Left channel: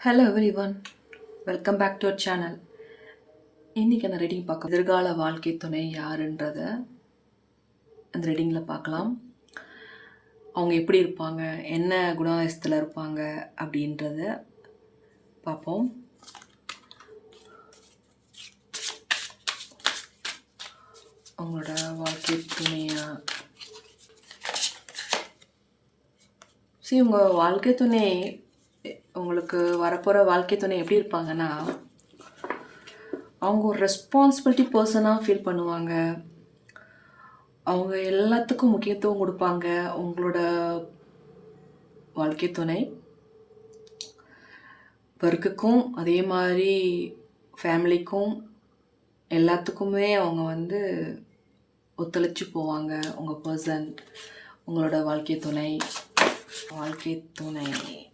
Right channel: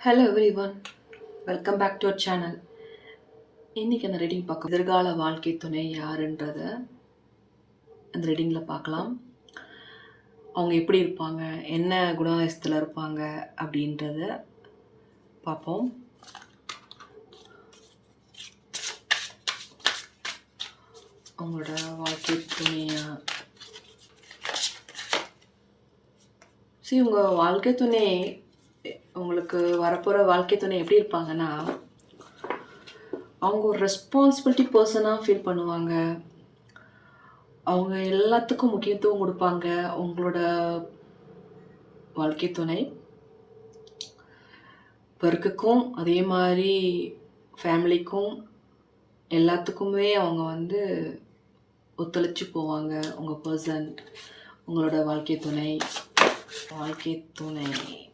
Hello everyone welcome back to our channel இன்றைக்கி அந்த reading பார்க்க எதிர்கால வாழ்க்கை துணை யாருன்றத அந்த ரீடிங்கில் பார்க்கலாம். அவங்க எப்படி இருப்பாங்க? என்ன குணாதிசத்தில் இருப்பாங்க? அப்படின்றத பார்ப்போம். அவங்களோட வாழ்க்கை துணையாக சரி உங்கள் வாழ்க்கை துணை உங்களுக்கு வரப்போகிற வாழ்க்கை துணை எப்படி இருப்பாங்கன்னா அவங்க ஒரு ரெஸ்பான்சிபிலிட்டி பர்சனாக ஃபீல் பண்ணுவாங்க. அவங்க எல்லாத்துக்கும் முக்கியத்துவம் கொடுப்பாங்க. உங்களோட வாழ்க்கை துணை. ஒர்க்குக்கும் அதே மாதிரி ஃபேமிலிக்கும் எல்லாத்துக்குமே அவங்க வந்து ஒத்துழைச்சி போவாங்க. உங்கள் பர்சன் உங்களோட வாழ்க்கை துணை. வாழ்க்கை துணை.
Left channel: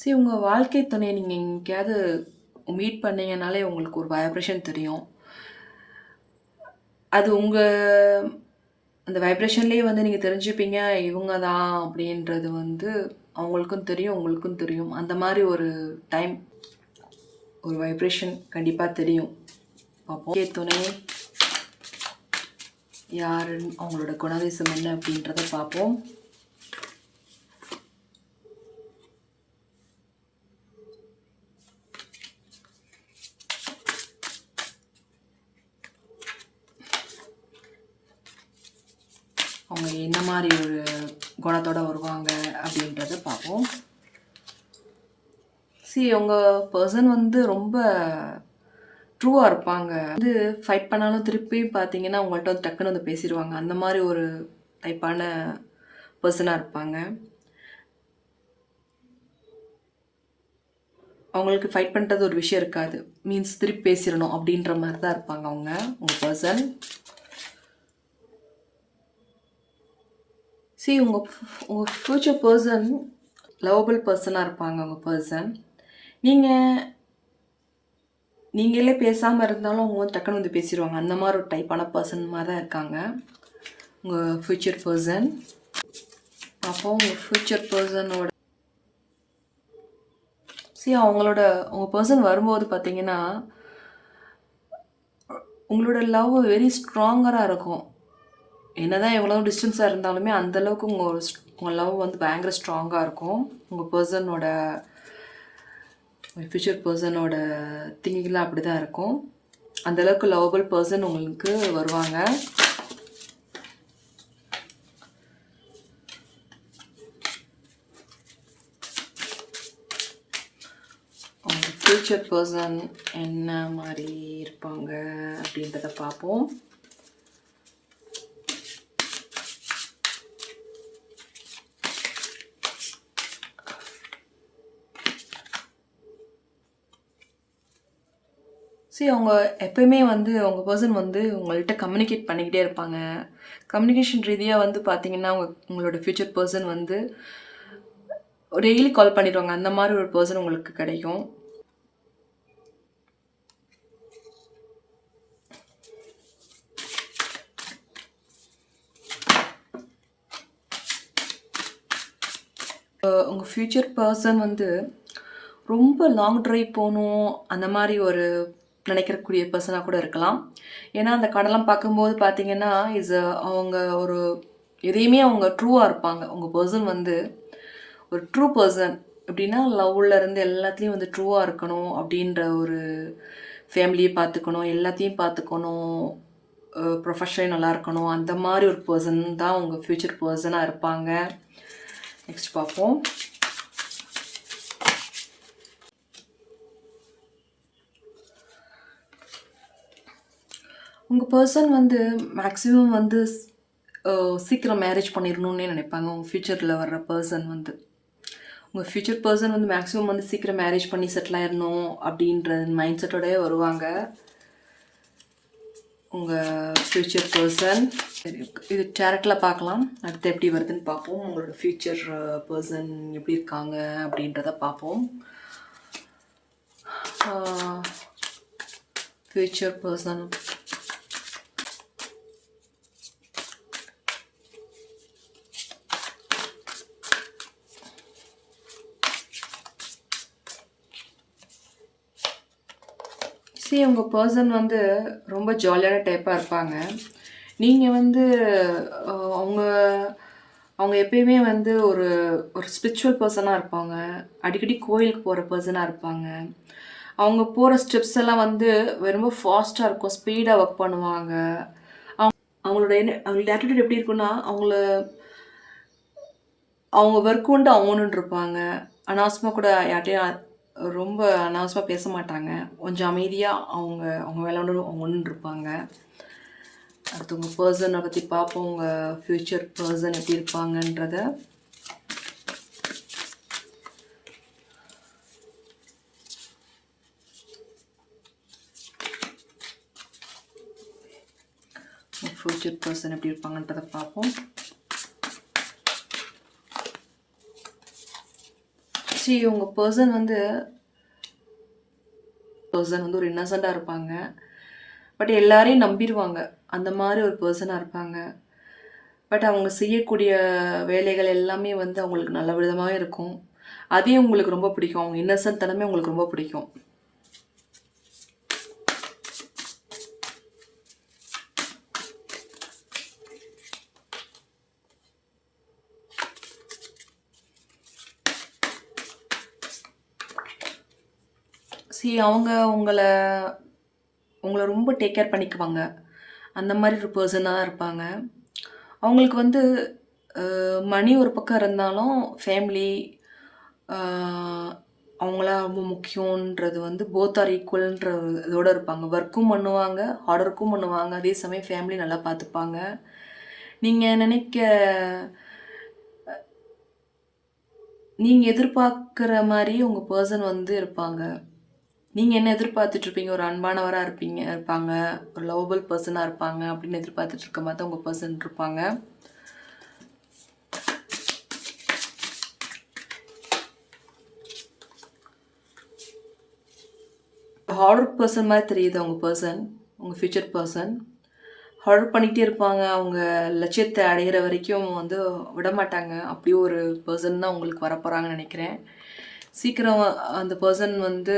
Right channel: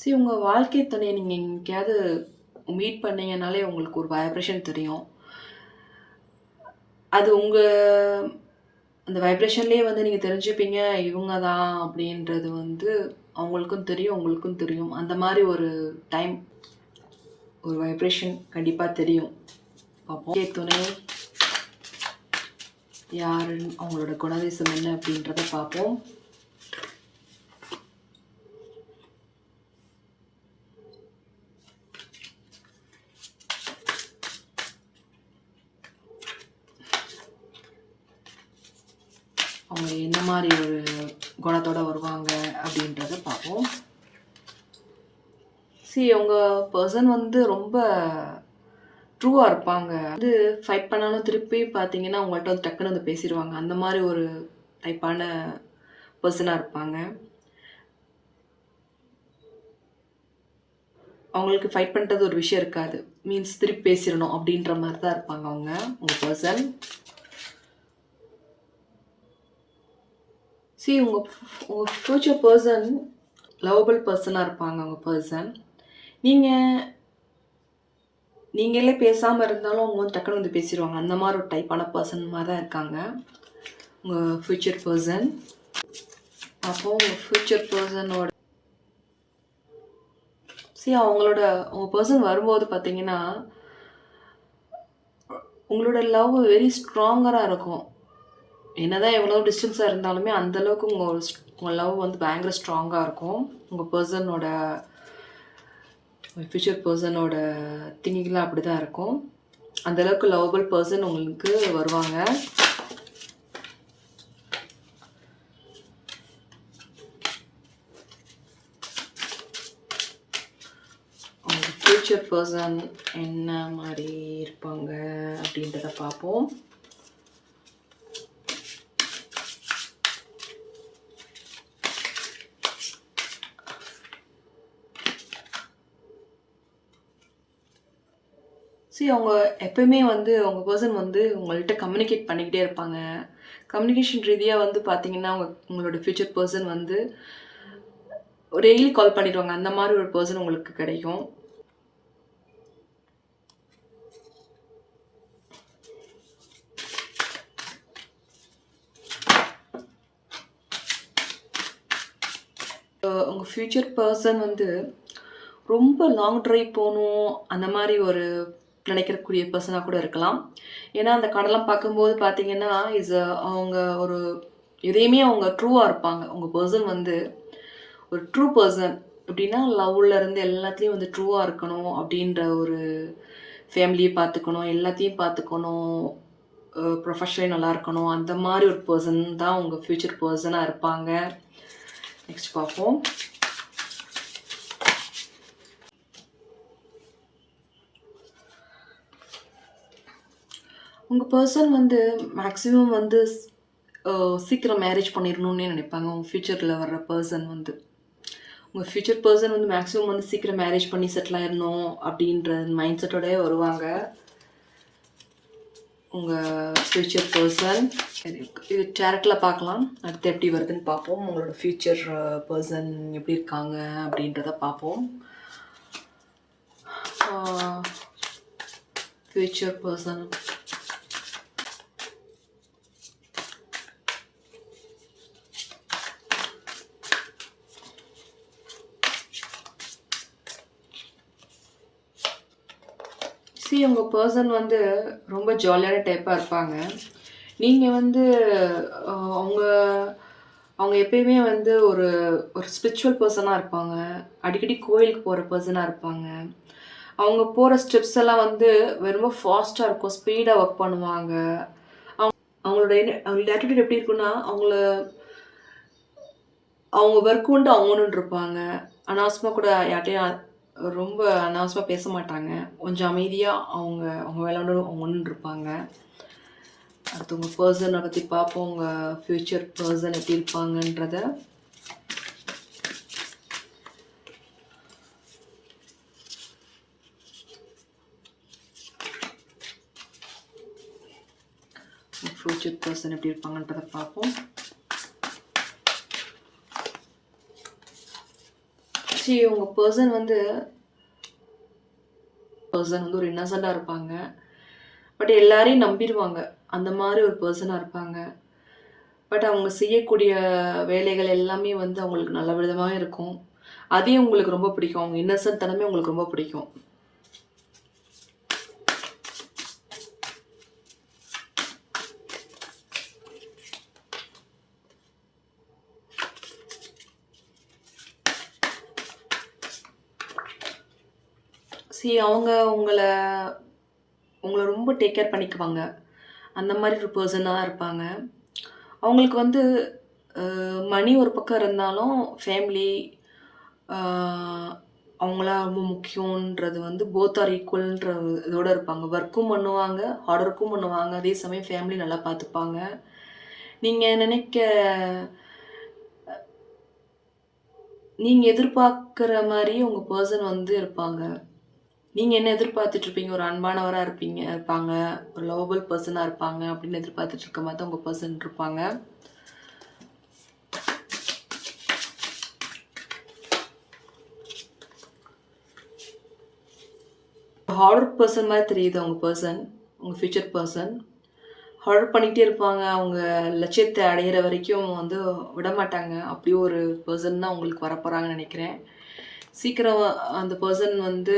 சரி உங்கள் வாழ்க்கை துணையை நீங்கள் எங்கேயாவது மீட் பண்ணீங்கனாலே உங்களுக்கு ஒரு வைப்ரேஷன் தெரியும். அது உங்கள் அந்த வைப்ரேஷன்லேயே வந்து நீங்கள் தெரிஞ்சுப்பீங்க இவங்க தான் அப்படின்றது வந்து அவங்களுக்கும் தெரியும் உங்களுக்கும் தெரியும். அந்த மாதிரி ஒரு டைம் ஒரு வைப்ரேஷன் கண்டிப்பாக தெரியும். பார்ப்போம். துணை யாருன்னு அவங்களோட குணாதிசம் என்ன அப்படின்றத பார்ப்போம். அவங்க என்ன மாதிரி ஒரு குணத்தோட வருவாங்க அப்படின்றத பார்ப்போம். சி அவங்க பர்சன் வந்து ரொம்ப ட்ரூவாக இருப்பாங்க. வந்து ஃபைட் பண்ணாலும் திருப்பி பார்த்தீங்கன்னா அவங்கள்ட்ட வந்து டக்குன்னு வந்து பேசிடுவாங்க. அந்த மாதிரி ஒரு டைப்பான பர்சனாக இருப்பாங்க. அவங்களுக்கு ஃபைட் பண்ணுறது ஒரு விஷயம் இருக்காது. மீன்ஸ் திருப்பி பேசிடணும் அப்படின்ற மாதிரி தான் இருப்பாங்க அவங்க உங்கள் பர்சன் சி உங்கள் உங்கள் ஃப்யூச்சர் பர்சன் லவபிள் பர்சனாக இருப்பாங்க உங்கள் பர்சன் நீங்கள் நீங்களே பேசாமல் இருந்தாலும் அவங்க வந்து டக்குன்னு வந்து பேசிடுவாங்க. அந்த மாதிரி ஒரு டைப்பான பர்சன் மாதிரி தான் இருக்காங்க. உங்கள் ஃப்யூச்சர் பர்சன் அப்போது உங்கள் ஃப்யூச்சர் பர்சனோட சி அவங்களோட உங்கள் பர்சன் வரும்போது பார்த்தீங்கன்னா உங்களோட லவ் வெரி ஸ்ட்ராங்கராக இருக்கும். என்னதான் எவ்வளோ டிஸ்டன்ஸாக இருந்தாலுமே அந்தளவுக்கு உங்கள் உங்கள் லவ் வந்து பயங்கர ஸ்ட்ராங்காக இருக்கும். உங்கள் பர்சனோட ஃபியூச்சர் பர்சனோட திங்கிங்லாம் அப்படி தான் இருக்கும் அந்தளவுக்கு லவபிள் பர்சன் உங்களுக்கு வருவாங்க. ஃப்யூச்சர் பர்சன் என்ன மாதிரி இருப்பாங்க அப்படின்றத பார்ப்போம். சரி அவங்க எப்பயுமே வந்து அவங்க பர்சன் வந்து உங்கள்கிட்ட கம்யூனிகேட் பண்ணிக்கிட்டே இருப்பாங்க. கம்யூனிகேஷன் ரீதியாக வந்து பார்த்தீங்கன்னா உங்க உங்களோட ஃப்யூச்சர் பர்சன் வந்து டெய்லி கால் பண்ணிடுவாங்க. அந்த மாதிரி ஒரு பர்சன் உங்களுக்கு கிடைக்கும். உங்கள் ஃப்யூச்சர் பர்சன் வந்து ரொம்ப லாங் ட்ரைவ் போகணும் அந்த மாதிரி ஒரு நினைக்கிறக்கூடிய பர்சனாக கூட இருக்கலாம். ஏன்னா அந்த கடலாம் பார்க்கும்போது பார்த்தீங்கன்னா இஸ் அவங்க ஒரு எதையுமே அவங்க ட்ரூவாக இருப்பாங்க. அவங்க பர்சன் வந்து ஒரு ட்ரூ பர்சன் எப்படின்னா லவ்வில் இருந்து எல்லாத்துலேயும் வந்து ட்ரூவாக இருக்கணும் அப்படின்ற ஒரு ஃபேமிலியை பார்த்துக்கணும் எல்லாத்தையும் பார்த்துக்கணும் ப்ரொஃபஷனலி நல்லா இருக்கணும். அந்த மாதிரி ஒரு பர்சன் தான் அவங்க ஃப்யூச்சர் பர்சனாக இருப்பாங்க. நெக்ஸ்ட் பார்ப்போம். உங்கள் பர்சன் வந்து மேக்ஸிமம் வந்து சீக்கிரம் மேரேஜ் பண்ணிடணும்னே நினைப்பாங்க உங்கள் ஃப்யூச்சரில் வர்ற பர்சன் வந்து. உங்கள் ஃப்யூச்சர் பர்சன் வந்து மேக்ஸிமம் வந்து சீக்கிரம் மேரேஜ் பண்ணி செட்டில் ஆயிடணும் அப்படின்ற மைண்ட் செட்டோடய வருவாங்க. உங்கள் ஃப்யூச்சர் பர்சன் இது டேரக்டில் பார்க்கலாம். அடுத்து எப்படி வருதுன்னு பார்ப்போம். உங்களோட ஃப்யூச்சர் பர்சன் எப்படி இருக்காங்க அப்படின்றத பார்ப்போம். ஃப்யூச்சர் பர்சன் மோஸ்ட்லி உங்கள் பர்சன் வந்து ரொம்ப ஜாலியான டைப்பாக இருப்பாங்க. நீங்கள் வந்து அவங்க அவங்க எப்பயுமே வந்து ஒரு ஒரு ஸ்பிரிச்சுவல் பர்சனாக இருப்பாங்க. அடிக்கடி கோயிலுக்கு போகிற பர்சனாக இருப்பாங்க. அவங்க போகிற ஸ்டெப்ஸ் எல்லாம் வந்து ரொம்ப ஃபாஸ்ட்டாக இருக்கும். ஸ்பீடாக ஒர்க் பண்ணுவாங்க. அவங்க அவங்களோட என்ன அவங்களோட ஆட்டிடியூட் எப்படி இருக்குன்னா அவங்கள அவங்க ஒர்க் உண்டு அவங்கன்னு இருப்பாங்க. அனாவசமாக கூட யார்ட்டையும் ரொம்ப அனாவசமாக பேச மாட்டாங்க. கொஞ்சம் அமைதியாக அவங்க அவங்க வேலை அவங்க ஒன்று இருப்பாங்க. அடுத்து உங்கள் பர்சனை பற்றி பார்ப்போம். உங்கள் ஃப்யூச்சர் பர்சன் எப்படி இருப்பாங்கன்றத. ஃப்யூச்சர் பர்சன் எப்படி இருப்பாங்கன்றத பார்ப்போம். சரி உங்கள் பர்சன் வந்து பர்சன் வந்து ஒரு இன்னசெண்டாக இருப்பாங்க. பட் எல்லாரையும் நம்பிடுவாங்க அந்த மாதிரி ஒரு பர்சனாக இருப்பாங்க. பட் அவங்க செய்யக்கூடிய வேலைகள் எல்லாமே வந்து அவங்களுக்கு நல்ல விதமாக இருக்கும். அதையும் உங்களுக்கு ரொம்ப பிடிக்கும். அவங்க இன்னசென்ட் தனமே உங்களுக்கு ரொம்ப பிடிக்கும். சரி அவங்க உங்களை உங்களை ரொம்ப டேக் கேர் பண்ணிக்குவாங்க. அந்த மாதிரி ஒரு பர்சனாக தான் இருப்பாங்க. அவங்களுக்கு வந்து மணி ஒரு பக்கம் இருந்தாலும் ஃபேமிலி அவங்களாம் ரொம்ப முக்கியன்றது வந்து போத் ஆர் ஈக்குவல்ன்ற இதோட இருப்பாங்க. ஒர்க்கும் பண்ணுவாங்க ஹார்ட் ஒர்க்கும் பண்ணுவாங்க. அதே சமயம் ஃபேமிலி நல்லா பார்த்துப்பாங்க நீங்கள் நினைக்க நீங்கள் எதிர்பார்க்குற மாதிரி உங்கள் பர்சன் வந்து இருப்பாங்க. நீங்கள் என்ன எதிர்பார்த்துட்ருப்பீங்க ஒரு அன்பானவராக இருப்பீங்க இருப்பாங்க ஒரு லவபிள் பர்சனாக இருப்பாங்க அப்படின்னு எதிர்பார்த்துட்டு இருக்க மாதிரி தான் உங்கள் பர்சன் இருப்பாங்க. ஹார்ட் பர்சன் மாதிரி தெரியுது அவங்க பர்சன் உங்கள் ஃப்யூச்சர் பர்சன் ஹார்ட் பண்ணிகிட்டே இருப்பாங்க. அவங்க லட்சியத்தை அடையிற வரைக்கும் வந்து விட மாட்டாங்க. அப்படி ஒரு பர்சன் தான் உங்களுக்கு வரப்போகிறாங்கன்னு நினைக்கிறேன். சீக்கிரம் அந்த பர்சன் வந்து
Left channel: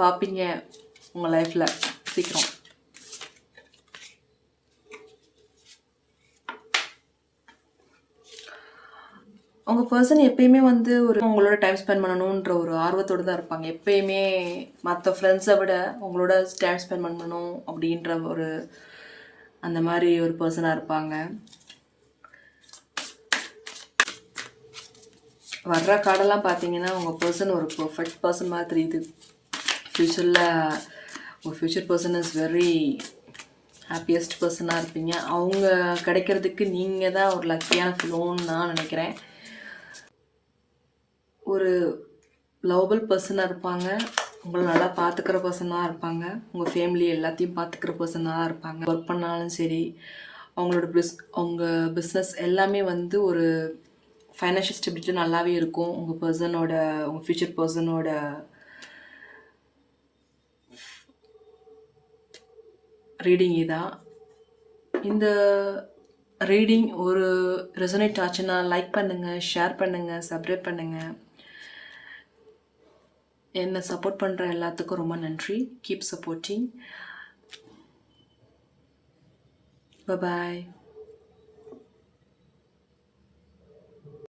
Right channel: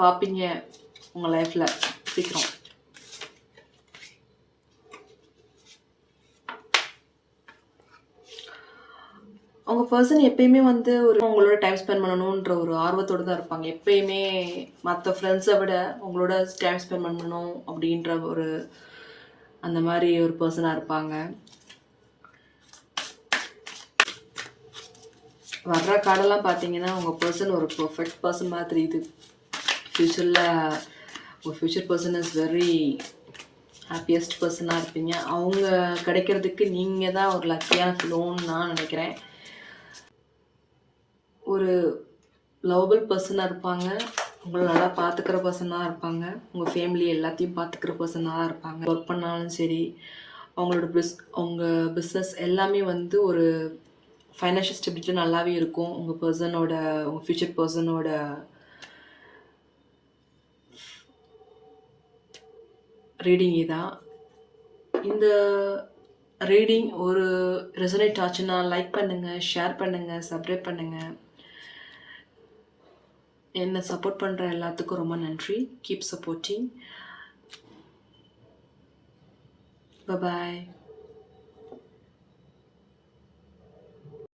பார்ப்பீங்க உங்கள் லைஃப்பில் சீக்கிரம். உங்கள் பர்சன் எப்பயுமே வந்து ஒரு உங்களோட டைம் ஸ்பெண்ட் பண்ணணுன்ற ஒரு ஆர்வத்தோடு தான் இருப்பாங்க. எப்பயுமே மற்ற ஃப்ரெண்ட்ஸை விட உங்களோட டைம் ஸ்பெண்ட் பண்ணணும் அப்படின்ற ஒரு அந்த மாதிரி ஒரு பர்சனாக இருப்பாங்க. வர்ற கார்டெல்லாம் பார்த்தீங்கன்னா உங்கள் பர்சன் ஒரு பர்ஃபெக்ட் பர்சன் மாதிரி தெரியுது ஃப்யூச்சரில் ஒரு future person is very happiest பர்சனாக இருப்பீங்க. அவங்க கிடைக்கிறதுக்கு நீங்கள் தான் ஒரு லக்கியான ஃபிலோன்னு நான் நினைக்கிறேன். ஒரு லவபிள் பர்சனாக இருப்பாங்க. உங்களை நல்லா பார்த்துக்கிற பர்சனாக இருப்பாங்க. உங்கள் ஃபேமிலி எல்லாத்தையும் பார்த்துக்கிற பர்சனாக இருப்பாங்க. ஒர்க் பண்ணாலும் சரி அவங்களோட பிஸ் அவங்க பிஸ்னஸ் எல்லாமே வந்து ஒரு ஃபைனான்ஷியல் ஸ்டெபிலிட்டி நல்லாவே இருக்கும். உங்கள் பர்சனோட உங்கள் ஃப்யூச்சர் பர்சனோட ரீடிங் இதான். இந்த ரீடிங் ஒரு ரெசனேட் ஆச்சுன்னா லைக் பண்ணுங்கள் ஷேர் பண்ணுங்கள் சப்ஸ்கிரைப் பண்ணுங்கள் என்னை சப்போர்ட் பண்ணுற எல்லாத்துக்கும் ரொம்ப நன்றி. கீப் சப்போர்ட்டிங் பாய்